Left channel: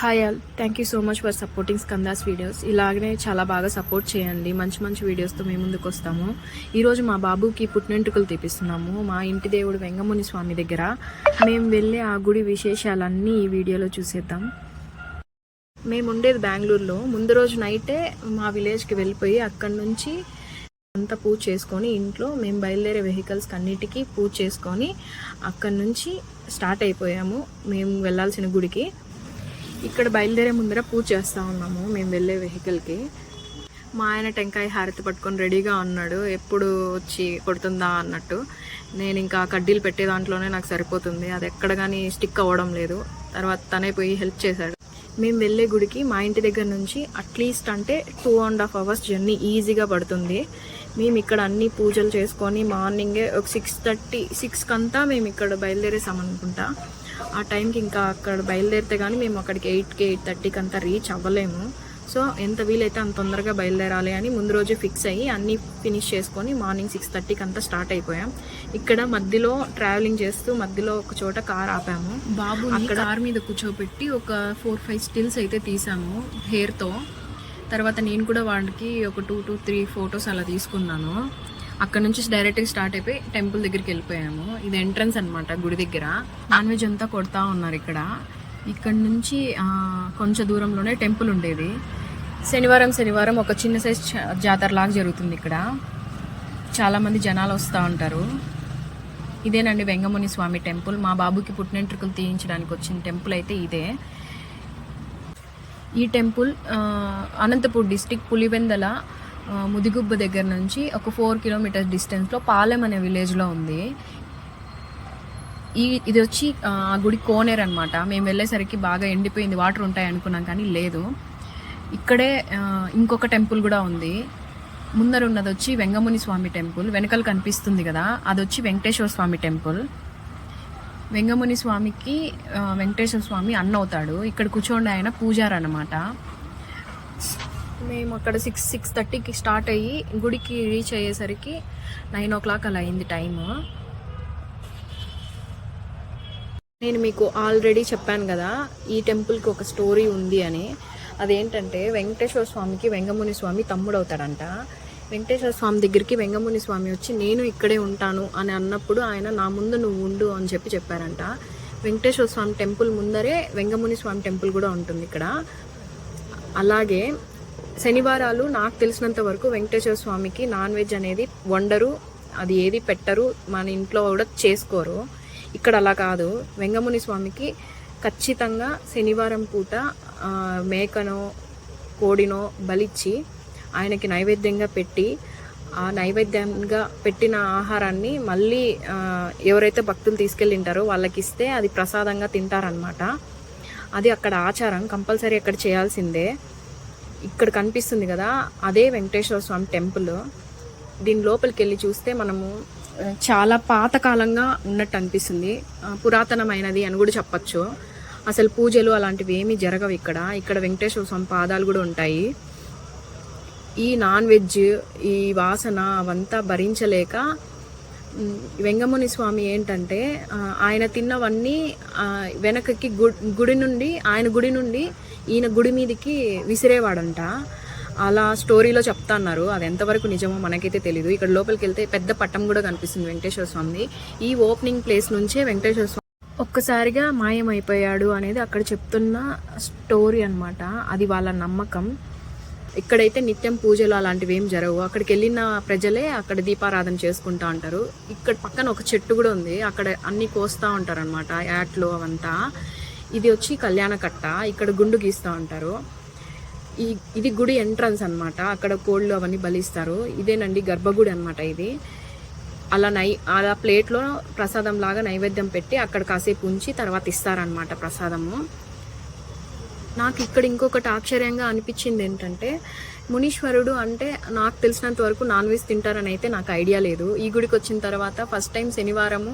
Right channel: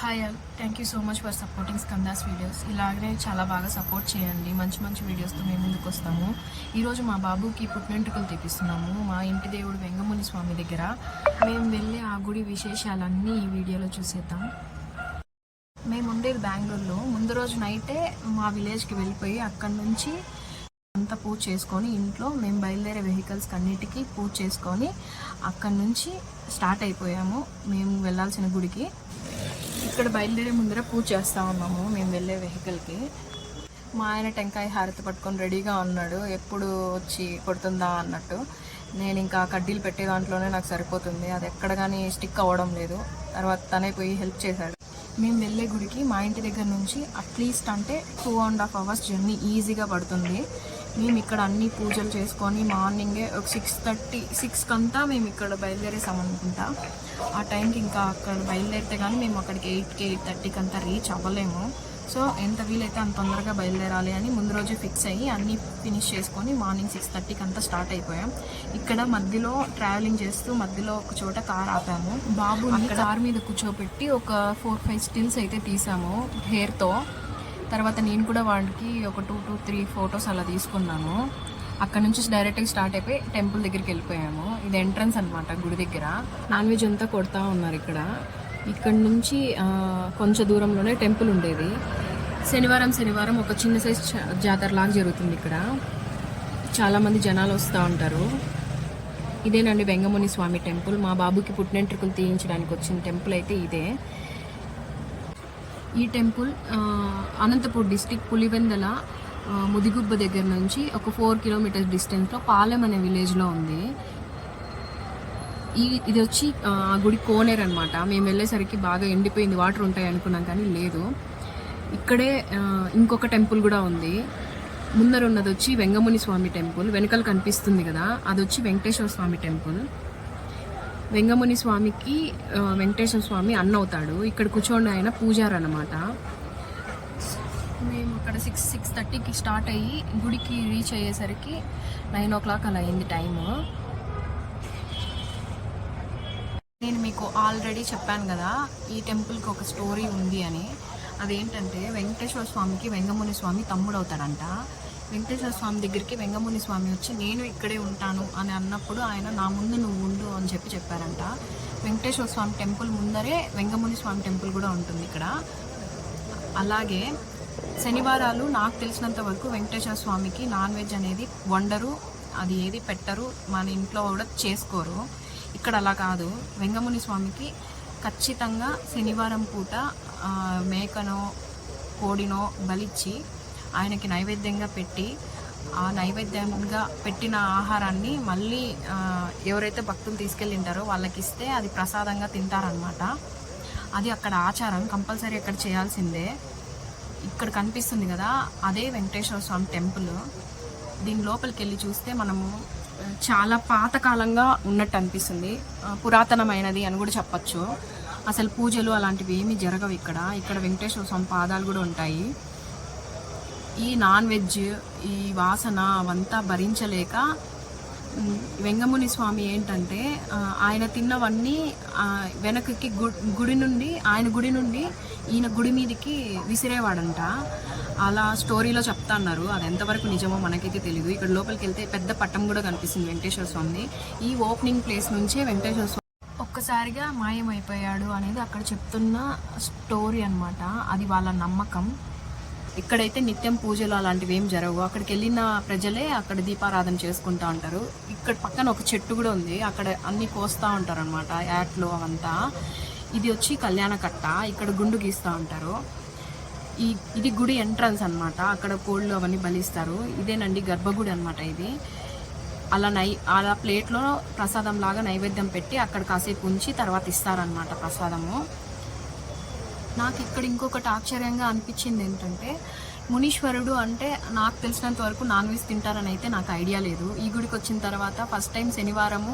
Hi all, thank you so much for supporting Skanda's videos. ఇలాగనే చాలా బాగా సపోర్ట్ చేయండి. మంచి మంచి వీడియోస్తో మేము ముందుకు వస్తాము. ఈరోజు మా బాబుకి పుట్టినెంటుకలు తీపిస్తున్నాము మా ఇంటి దేవుడు వెంగముని స్వామి దగ్గర. మేము వెళ్ళే ఆ గుడి విశేషాలన్నీ ఈ వీడియోలో చూసేద్దాం. మేము ఉండేది బెంగళూరులో. ముందు రోజు నైటే మా విలేజ్కి వెళ్ళిపోయి అక్కడి నుంచి అంతా పూజ చేసుకొని ఇంట్లో మేము బయలుదేరే వెహికల్స్కి అన్నిటికీ పూజ చేసుకొని అక్కడి నుంచి స్టార్ట్ అయిపోయాము మేము వెళ్ళాల్సిన గుడికి. ఇక్కడ బయలుదేరే ముందర పూజ చేస్తూ ఉన్నాము మేము వెళ్ళే వెహికల్కి. మా ఆయన టెంకాయ హారతి పట్టుకొని రెడీగా ఉన్నాడు, ఎప్పుడు వచ్చి కొడుతుందా అన్నట్టు. నేను ఇంకా కడ్డీలు పెట్టే దాంట్లోనే నాకు సరిపోతుంది, అది ఎక్కడ కానీ స్టిక్ అవ్వడం లేదు. తర్వాత తనే పోయి హెల్ప్ చేశాడు. మేము వెళ్ళే గుడికి మా ఇంటి దగ్గర నుంచి అట్లీస్ట్ అంటే 2.5 hours జర్నీ ఈజీగా పడుతుంది. మేము ఇక్కడ అన్ని పూజలు చేసుకొని మార్నింగే ఒక 6:30 కంతా మేము ఇక్కడ బయలుదేరేసామనుకుంటా. ఆ టైంకి ఇంకా అక్కడ బయలుదేరితే కానీ మేము అక్కడికి 8కి 8:30కి అంతా రీచ్ అవ్వలేము. సో ఎంత వీలైతే అంత తొందరగా బయలుదేరాలి అని ముందు రోజే ఫిక్స్ అయ్యి అన్నీ ఫినిష్ చేసుకొని మార్నింగ్ 6:30కి అంతా స్టార్ట్ అయిపోయాం. ఇక్కడ మధ్యలో ట్రావెలింగ్ చేస్తూ మధ్యలో ఒక చోట కార్ ఆపాము. బాబు అక్కడ కార్ మీద కూర్చోబెట్టి ఒక 4-5 స్టిల్స్ అయితే తీసాము హెయిర్తో. తర్వాత నేను కూడా వాడికి ఒక 2 to 3 ఫొటోస్ అలా తీసుకున్నాను. అక్కడ నుంచి డైరెక్ట్గా స్టార్ట్ అయిపోయి టెంపుల్ దగ్గరికి వెళ్ళిపోయాము. ఇది ఎంట్రన్స్ అనమాట గుడి దగ్గర. నాన్ వెజ్ అంతా కొడతా ఉన్నారు ఇక్కడ నుంచి కొంచెం దూరంలోనే టెంపుల్ ఉండేది. శనివారం ఒక చిన్న సైజ్ జాతర లాగా జరుగుతుంది ఇక్కడ. చాలామంది జనాలు వస్తూ ఉంటారు. ఇదేనండి వెంగముని స్వామి టెంపుల్. మా బాబుకి పుట్టినెంట్రుకలు తీయించడానికి వచ్చిన టెంపుల్ అయితే ఇదే. ఈ టెంపుల్ అనంతపూర్ డిస్టిక్ పులివెందల ముదిగుబ్బ దగ్గర నుంచి ఒక 4 kilometers డిస్టెన్స్లో పాలెం అనే విలేజ్లో ఉంది. ఇది వచ్చి ఆ గుడి కోనేరు అనమాట. మేము వెళ్ళేసరికి బాగా ఎండిపోయింది, వాటర్ ఉంటాయి అనుకున్నాం కానీ లేదు. ఇక్కడే ఇంకొక టెంపుల్ కూడా ఉంది. ముందర ఉన్నది వచ్చి వెంగముని స్వామి టెంపుల్, వెనకాల కనిపిస్తుంది కదా అది వచ్చి వెంకటేశ్వర స్వామి టెంపుల్. వెంగముని స్వామికి వెంకటేశ్వర స్వామి అన్న అవుతాడు. ఇక్కడ కూర్చోండి ఆయన పూజారు అనమాట. మేము అక్కడ 6:30కి స్టార్ట్ అయ్యి గుడికి రీచ్ అయ్యేసరికి 9 o'clock అలా అయింది టైము. నేను మీకు ఆల్రెడీ చెప్పాను కదా ఈ టెంపుల్కి ఒక స్టోరీ ఉంది అని. అదేంటంటే వెంకటేశ్వర స్వామికి వెంగముని స్వామి తమ్ముడు అవుతాడంట. వెంకటేశ్వర స్వామి దగ్గరికి వెంగముని స్వామి వచ్చి నేను ఇక్కడే ఉంటాను అని అన్నప్పుడు ఆయన నా ముందు నువ్వు ఉండు అని చెప్పారంట. వెంకటేశ్వర స్వామి టెంపుల్ ముందరే వెంగముని స్వామి టెంపుల్ కూడా ఉంటుంది ఇక్కడ. అలాగే శనివారాలు నాకు తెలిసినంత వరకు వెంకటేశ్వర స్వామికి నాన్ వెజ్ అనేది వండరు, అది ఏది పెట్టరు, మన ఇంట్లో కూడా చేసుకోరు. ఇక్కడ అలా కాదు. వెంగముని స్వామికి ఖచ్చితంగా శనివారం పూట మేకనో కోడినో బలిచ్చి ఆయనకి నైవేద్యంగా పెట్టి ఆ నైవేద్యంగా పెట్టిన ఆహారాన్ని మళ్ళీ ఎవరైతే భక్తులు తీసుకెళ్ళింటారో వాళ్ళకి ఇస్తే అది ప్రసాదంగా తింటారనమాట. అది అక్కడ ఆచారం, కంపల్సరీ అక్కడ చేయాల్సిందే. ఇక్కడ కనిపిస్తుంది కదా అదే వెంకటేశ్వర స్వామి టెంపుల్. దీని లోపలికి వెళ్ళి చూస్తే మనము చాలా పాతకాలంగా ఉన్నట్టు అనిపిస్తుంది, పురాతనమైనది అని కూడా చెప్పచ్చు. అసలు పూజలు అలాంటివి ఏమీ జరగవు ఇక్కడ వెంకటేశ్వర స్వామి పాదాలు కూడా ఉంటాయి. ఈ నాన్ వెజ్ ఈ వాసన అవంతా భరించలేక వెంగముని స్వామి ఏంటంటే ఆయన తిన్నవన్నీ వెనకకి గుడి నుండి ఆయన గుడి నుండి ఈయన గుడి మీదకి విసిరేవాడంట. అలా స్టోరీలో చెప్తా అన్నారు. అది ఎంతవరకు నిజమో మనకైతే తెలీదు. ఇక్కడ లోపలికి వెళ్తే పెద్ద పట్టం కూడా కనిపిస్తుంది వెంకటేశ్వర స్వామి. ఈ ఓపెనింగ్ ప్లేస్ నుంచే వెంకటేశ్వర స్వామి ఒక్కసారిగా మాయమైపోయాడు అనేది అక్కడ చెప్తున్న స్టోరీ అనమాట. అది వాళ్ళ నమ్మకం. ఇక్కడైతే నిత్యం పూజలు అలాంటివి ఏం జరగవు. అక్కడికి వెళ్ళిన ప్రజలే అక్కడ దీపారాధన చేసుకుంటా ఉంటారు. ఇక్కడ పక్కన ఒక చెట్టు కూడా ఉంది, అక్కడ అన్ని కోస్తూ ఉంటారు అనమాట, యాట్లు అవంతా. ఇది వచ్చి కళ్యాణ కట్ట, ఇక్కడ గుండు గీస్తూ ఉంటారు. ఇది గుడి ఎంట్రన్స్ అనమాట. అక్కడ కోళ్ళు అవన్నీ బలిస్తారు. ఇదేనండి గర్భగుడి అనమాట ఇది. అలా ప్లేట్లో ప్రసాదం లాగా నైవేద్యం పెట్టి అక్కడ కాసేపు ఉంచి తర్వాత ఇస్తారనమాట ప్రసాదము. నాకు ఇక్కడ ఇంకొకటి ఆశ్చర్యంగా అనిపించింది ఏంటంటే మునీశ్వరుడు అంటే నాకు తెలిసినంత వరకు నాన్ వెజ్ తింటారని అయితే నాకు ఐడియా లేదు. ఈ గుడికి వచ్చిన తర్వాత ఫస్ట్ టైం శనివారము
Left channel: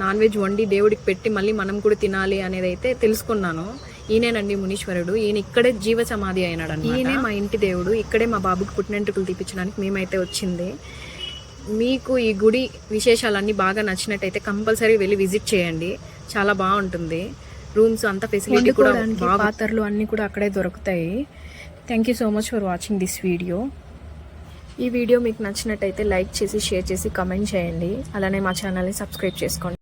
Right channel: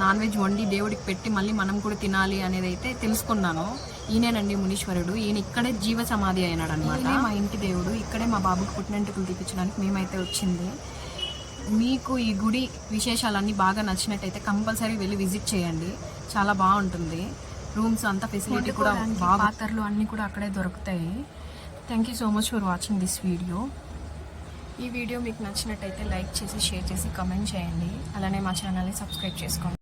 నాన్ వెజ్ వండి దేవుడికి పెట్టి మళ్ళీ మనం కూడా తినాలి అనేది అయితే తెలుసుకున్నాను. ఈయనేనండి మునీశ్వరుడు. ఈయన ఇక్కడే జీవ సమాధి అయినాడు అనమాట. ఈయనే మా ఇంటి దేవుడు. ఇక్కడే మా బాబుకి పుట్టినెంట్రుకలు తీపించడానికి మేమైతే వచ్చింది. మీకు ఈ గుడి విశేషాలన్నీ బాగా నచ్చినట్టయితే కంపల్సరీ వెళ్ళి విజిట్ చేయండి, చాలా బాగుంటుంది. రూమ్స్ అంతా ఫెసిలిటీ కూడా పాత్రలు అన్నీ కూడా అక్కడే దొరుకుతాయి. Thank you so much for watching this video. ఈ వీడియో మీకు నచ్చినట్టయితే లైక్ చేసి, షేర్ చేసి, కమెంట్ చేయండి. అలానే మా ఛానల్ని సబ్స్క్రైబ్ చేసుకోండి.